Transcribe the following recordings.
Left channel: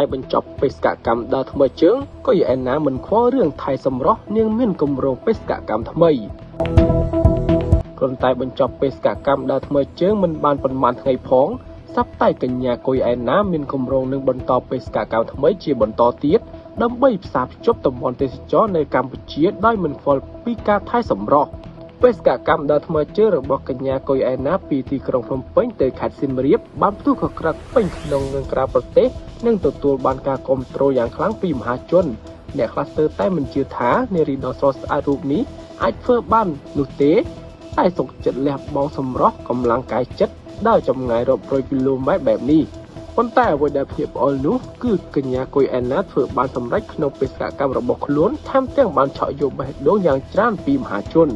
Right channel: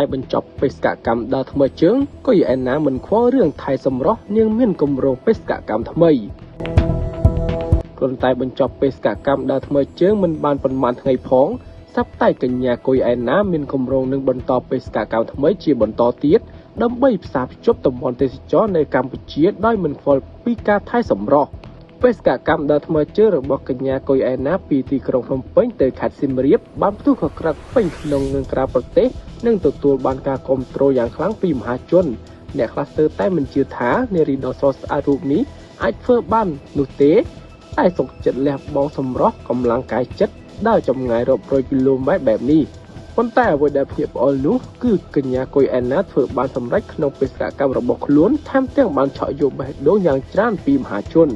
តែបញ្ចប់បេសកកម្មដល់ថ្មីជើងក៏ឯណាមិនខ្វល់រឿងថៃសម្រស់នាងមានគម្រោងបេសកកម្មថ្មីប៉ុន្តែបញ្ចប់បេសកកម្មដល់ថ្មីជើងមិនបានប៉ុន្មានថ្ងៃផងសប្តាហ៍កញ្ញាកុយឯណាមានគម្រោងនឹងបន្តបេសកកម្មថ្មីជាបន្តទៀតដើម្បីផ្សារភ្ជាប់តំបន់ទេសចរនៅកម្ពុជាដោយមិនខ្វល់ពីការថៃសម្រស់បេសកកម្មដល់ថ្មីជើងរបស់កញ្ញាកុយឯណាពីទីក្រុងភ្នំពេញទៅខេត្តសៀមរាបបានផ្ទុះកក្រិតពេញក្នុងនិងក្រៅប្រទេសនិងទទួលបានការគាំទ្រយ៉ាងខ្លាំងពីមហាជនអ្នកខ្លះស្ទើរតែមិនជឿថានារីដ៏ស្រស់ស្អាតរូបនេះអាចធ្វើបាននោះទេតែសុខចិត្តលះបង់សម្រស់កម្លាំងកាយចិត្តដើរចម្ងាយរាប់រយគីឡូម៉ែត្របែបនេះប៉ុន្តែអ្វីដែលភាពល្អនោះគឺកញ្ញាកុយឯណាធ្វើបានសម្រេចក្នុងបេសកកម្មរបស់ខ្លួនថែមទាំងបានឆក់យកបេះដូងយ៉ាងច្រើនពីមហាជន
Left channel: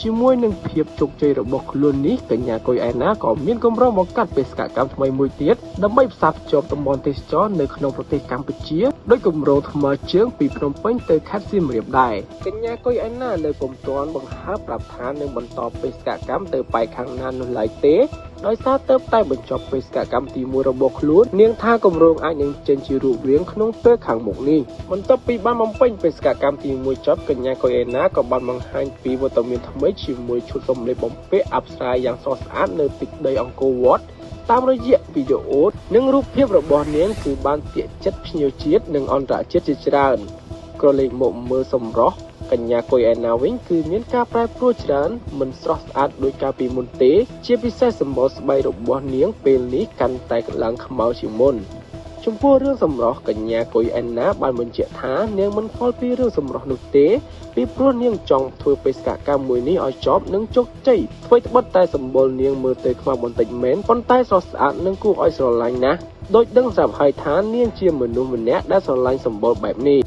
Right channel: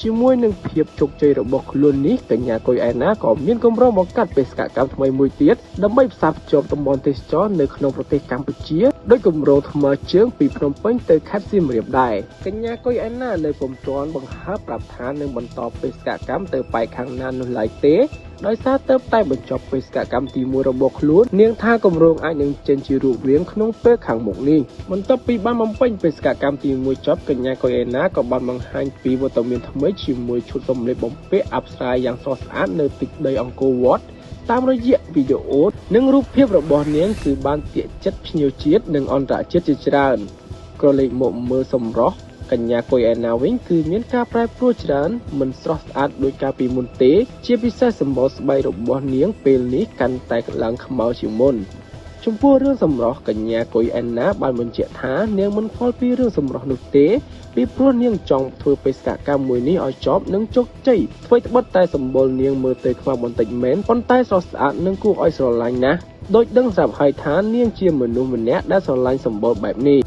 ជាមួយនឹងភាពជោគជ័យរបស់ខ្លួននេះកញ្ញាកុយឯណាក៏មានគម្រោងបង្កើតបេសកកម្មថ្មីមួយទៀតដើម្បីផ្សារភ្ជាប់តំបន់ទេសចរនៅក្នុងប្រទេសកម្ពុជាដោយគម្រោងថ្មើរជើងពីភ្នំពេញទៅខេត្តសៀមរាបដែរកញ្ញាកុយឯណានៅពុំទាន់បង្ហាញប្រាប់ថានឹងបន្តបេសកកម្មទៅបែកខាងណានោះឡើយទេដោយសារទើបតែបញ្ចប់បេសកកម្មទី1របស់ខ្លួននាងថាគម្រោងអាចនឹងចេញជារូបរាងក្នុងពេលខាងមុខនេះបន្ទាប់ពីបានបំពេញបេសកកម្មទី1ចប់កញ្ញាកុយឯណាក៏បានបង្ហាញពីវត្តមានថ្មីជាមួយឈុតសម្លៀកបំពាក់អប្សរាយ៉ាងស្រស់ស្អាតនៅទីដីអង្គរវត្តតាមរយៈវីដេអូនិងរូបភាពរបស់នាងគឺបានទាក់ចិត្តភ្ញៀវជាតិនិងអន្តរជាតិជាច្រើនក៏លេចមកមើលសម្រស់កញ្ញាកុយឯណាវិញគឺមានការប្រែប្រួលច្រើនមិនស្រស់ស្អាតដូចកាលពីមុនទេជាពិសេសសម្បុរស្បែករបស់នាងពេលនេះកាន់តែខ្លាំងខ្មៅជាងមុនចំពោះរឿងសម្រស់កញ្ញាកុយឯណាបានបញ្ជាក់ថានាងមិនខ្វល់ពីរឿងសម្រស់នោះទេពីព្រោះនាងចង់ធ្វើបេសកកម្មមួយនេះឲ្យចប់និងជោគជ័យអ្វីត្បិតតែសម្បុរនាងមើលទៅខ្វល់បន្តិចមែនប៉ុន្តែស្រស់ស្អាតនិងគួរឲ្យស្រឡាញ់ណាស់ដោយដឹងស្រាប់ហើយថានាងជាមនុស្សម្នាក់ដែលស្រឡាញ់សម្បុរបែបនេះ